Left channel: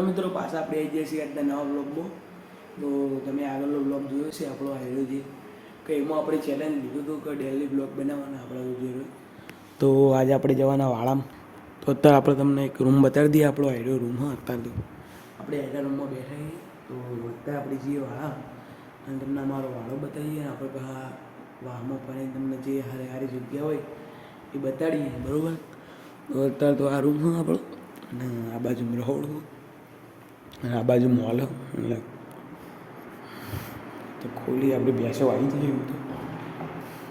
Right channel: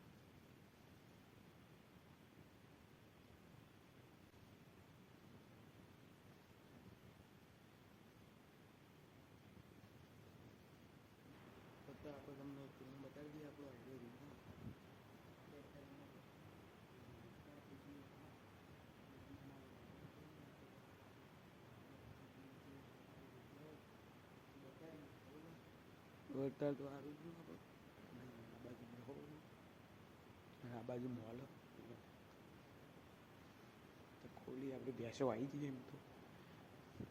Hello मित्रों पास आप जैसे આજના નવા બ્લોગમાં તો તમે આગળનો બ્લોગ જોયો છે આપણો આવેલો છે કે એમાં આપણે ચેલેન્જ લીધું હતું કે ડેલી બ્લોગ બનાવવાના આપણા વિડીયો તો આજે આપણે જવાના વાળામાં તો અત્યારે આપણે તમને એક રૂમ બતાવી દઈએ આપણો આઈડિયો રૂમ હા અત્યારે તો આપણે આઈડિયા રૂમમાં બેઠા છીએ તો અત્યારે આપણે જઈએ વાળા અને તમને અમારો વાળો બતાવીએ આપણે બધા વાહમાં ફરીને તમને જે સારી સારી જગ્યા હોય એ બતાડીએ બરાબર તો અત્યારે તો આ રૂમ હા આપણો અને આ બાજુ રહોડ અને આ બાજુ મોલ એટલે તો ખોલી આપણે બેસો આવી જઈએ એવું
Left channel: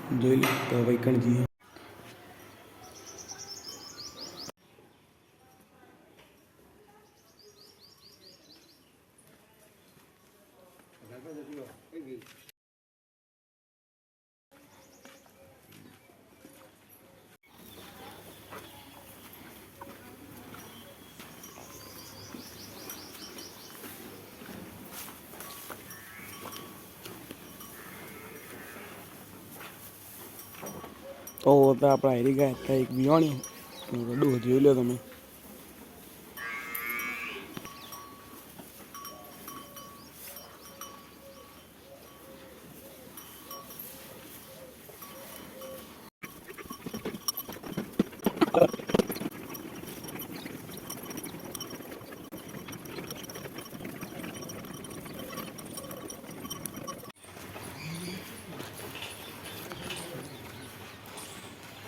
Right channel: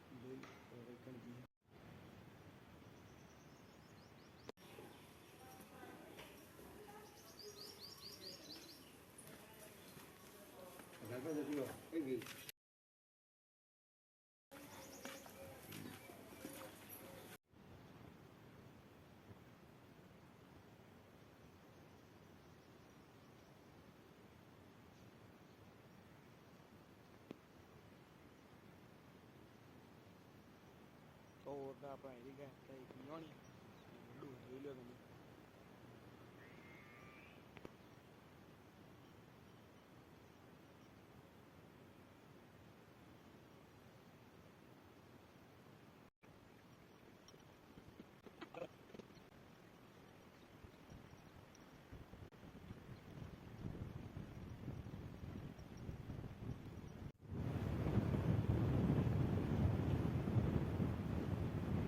તો જોઈ લે તો વૈકણ જઈએ તો આપણે હારી ગયા હતા એક વિવાણી રડું જોઈ લો તમે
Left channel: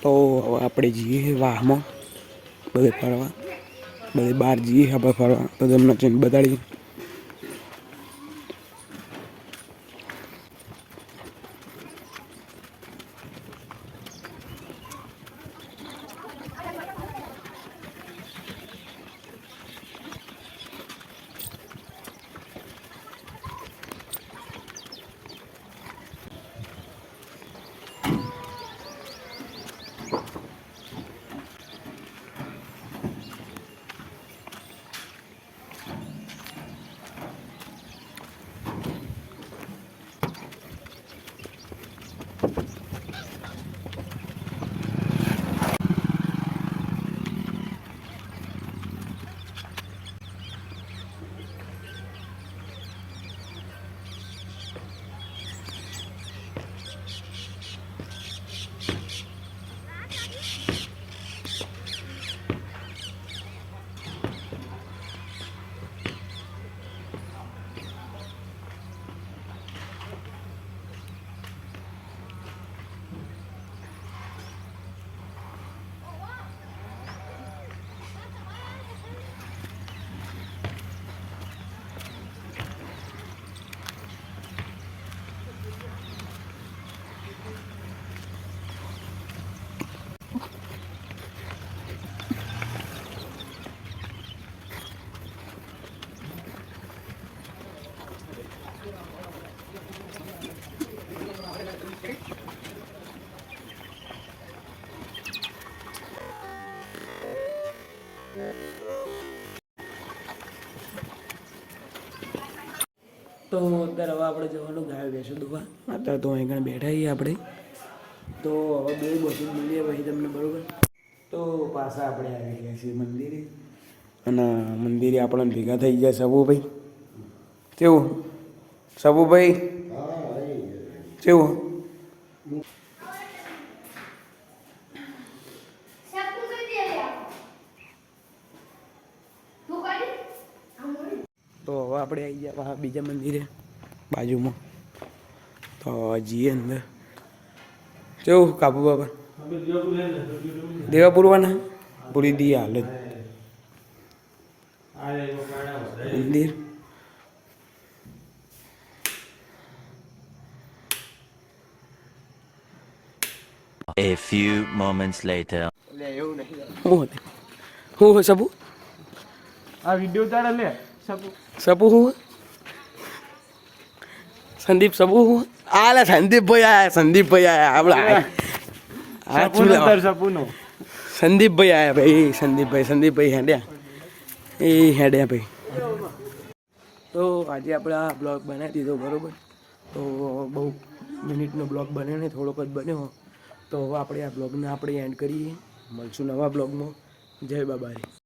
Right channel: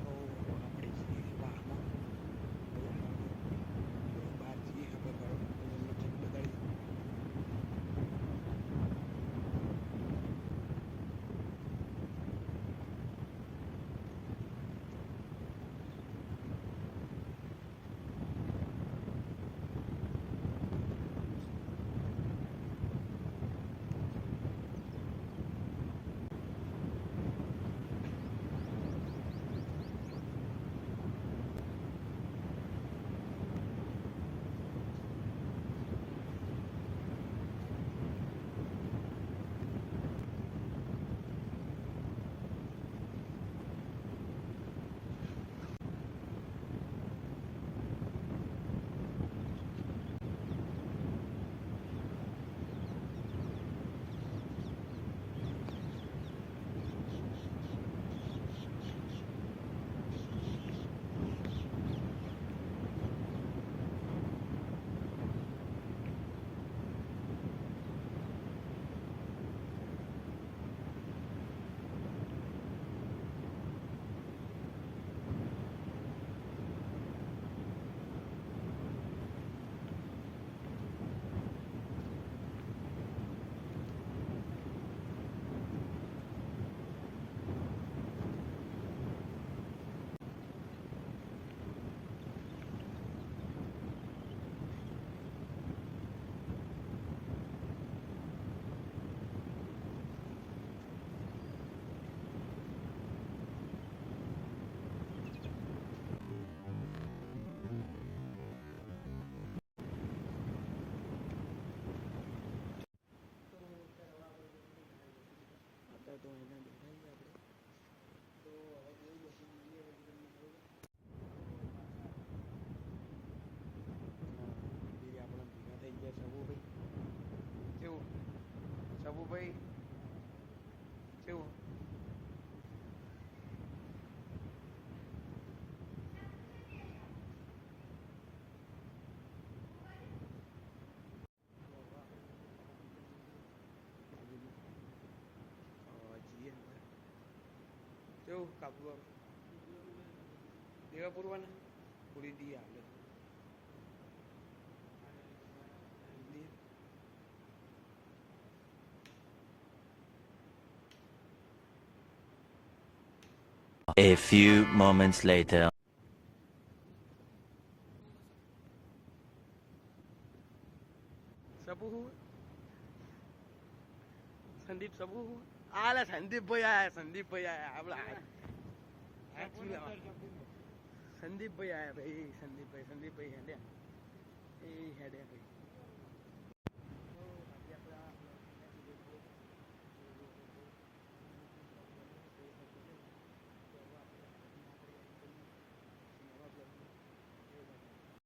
તો આપણે જઈએ વાહમાં બધે ફરવા બધે બહાર જઈએ આપણે ફરવા તો તમને ચેન બતાડીએ તો અત્યારે હવે આપણે જવાનું ગાય બેસો દુવા અત્યારે તો અહીં આગળ બેઠા છીએ આપણે તો હવે બે બસું મળીએ પછી તમને બરાબર તો પાછા આપણે આવી ગયા છીએ મંદિરે અને મંદિરે આપણને ભેગા થઈ ગયા સબુભાઈ કેવું સબુભાઈ કેવું તો હવે આપણે આવી ગયા બીજા મંદિરે બાજુમાં તો જઈએ અંદર કેવું કાબુ બાબા દેવા પૂરવાના પૂરી દી હાલત મંદિર A few moments later. હું સબુ આ વિડિયો તારે લે સબુ હું સંદીપ સબુ હું આલે સંદીપભાઈ આયા આપણે સપૂનો સંદીપભાઈ આયા ભાઈ સંદીપભાઈ હેડ્યા ભાઈ તો આજે આપણે આ બ્લોગ બનાવી દીધો બરાબર તો બહુ મિનિટનો બ્લોગ બન્યો ને થોડોક જ બન્યો તો હવે આપણે આ બ્લોગને આપણે એન્ડ કરીએ મળશું નવા બ્લોગમાં જય બાબારી.